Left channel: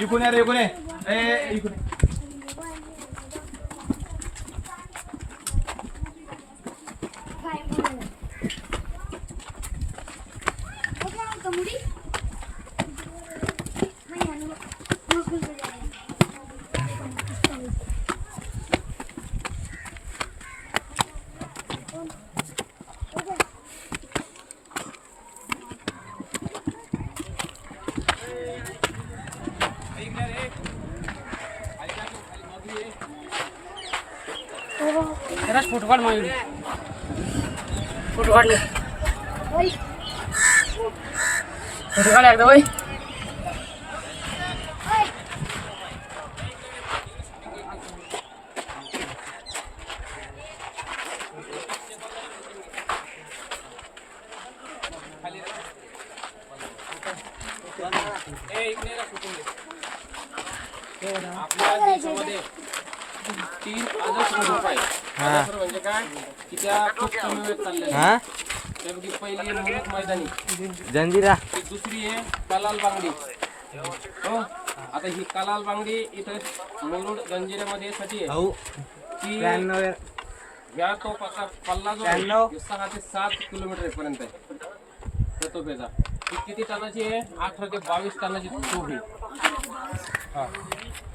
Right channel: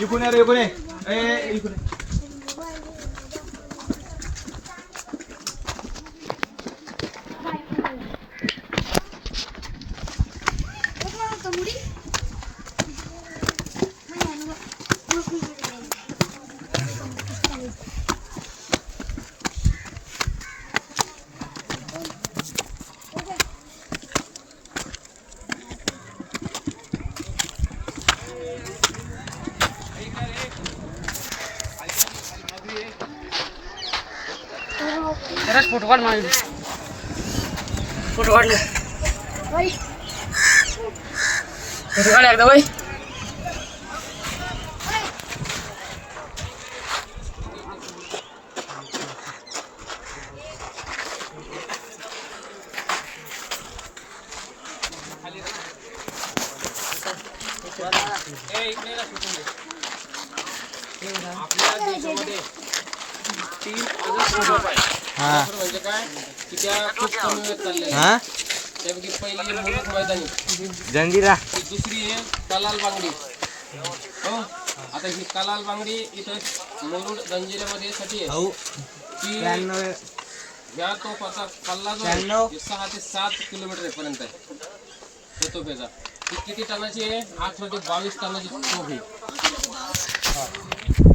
इकडून ये रे, इकडून ये. ए इकडून ये. जरा फोटो काढ मागे फोटो काढले फोटो काढ एकदा बाई आपल्या देशामध्ये 3 ऑगस्ट म्हणजे काय की त्या खूप कमी वेळ चाललेल्या त्यापैकी पहिली मुलुक मैदानी जंजिरा. दुसरी आहे कलाल बांगडी. हो आता ही कलाल बांगडी इथं मुरुड जंजिऱ्यामध्ये साठी आहे की ह्या तोफाचा पल्ला जो आहे 6 ते 7 किलोमीटर पर्यंत आहे त्या तोफेचा. ही किती टनाची आहे? 18 ते 22 टनाची तोफ आहे.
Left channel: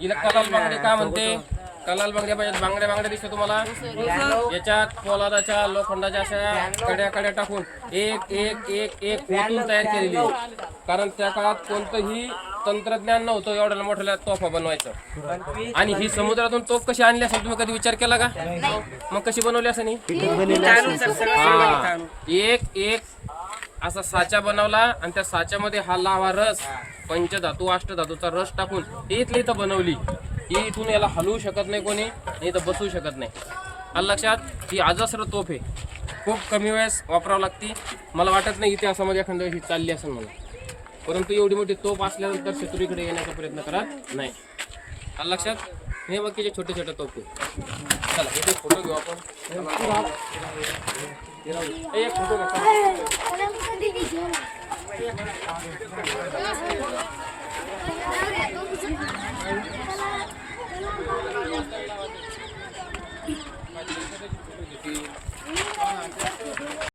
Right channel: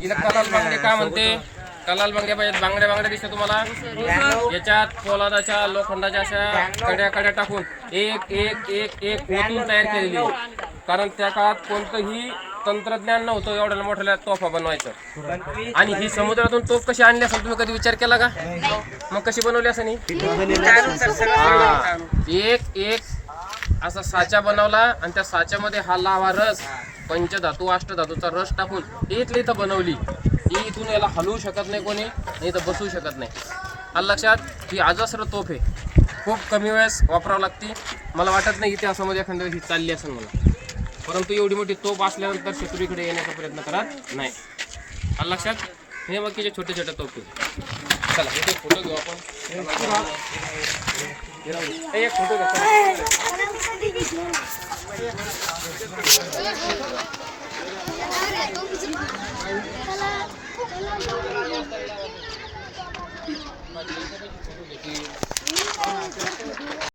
हिला कलाल बांगडी का म्हणते? कलाल बांगड्या पाहिजे. बांगड्या दिसतात तुम्हाला याच्यात पोलादाच्या लोखंडाच्या अशा कड्या टाकून एक एक एक एक ओतून तयार केलेली आहे. कारण त्या काळात कोणतंही तंत्रज्ञान नव्हतं एवढ्या मोठ्या तोफा बनवायचं. आणि ही समुद्रातून तोफ कशी आणली असेल तुम्ही कधी विचार केला का? मग कशी बनवली असेल? एक एक असा साचा बनवला आणि त्या साच्यामध्ये हा लावा रस पंचधातू अष्टधातूचा रस टाकून इथं बनवली. ही इथून याला हलवू शकत नाही कोणी, इथं बसवू शकत नाही. आलं लक्षात? ही अजस्र तोफ आहे. खूप कमी वेळेस वापरावं लागते. मला वाटत नाही इतिहासामध्ये एखाद्या ही चालली असेल मला. परंतु एवढी मोठी तोफ असल्यानंतर शत्रूकडे येण्याचा प्रयत्न करत नाही. आलं लक्षात? हे मग छोटे छोटे तोफ आहे. चला इथे फोटो घेऊ आपण. एक फोटो घ्या.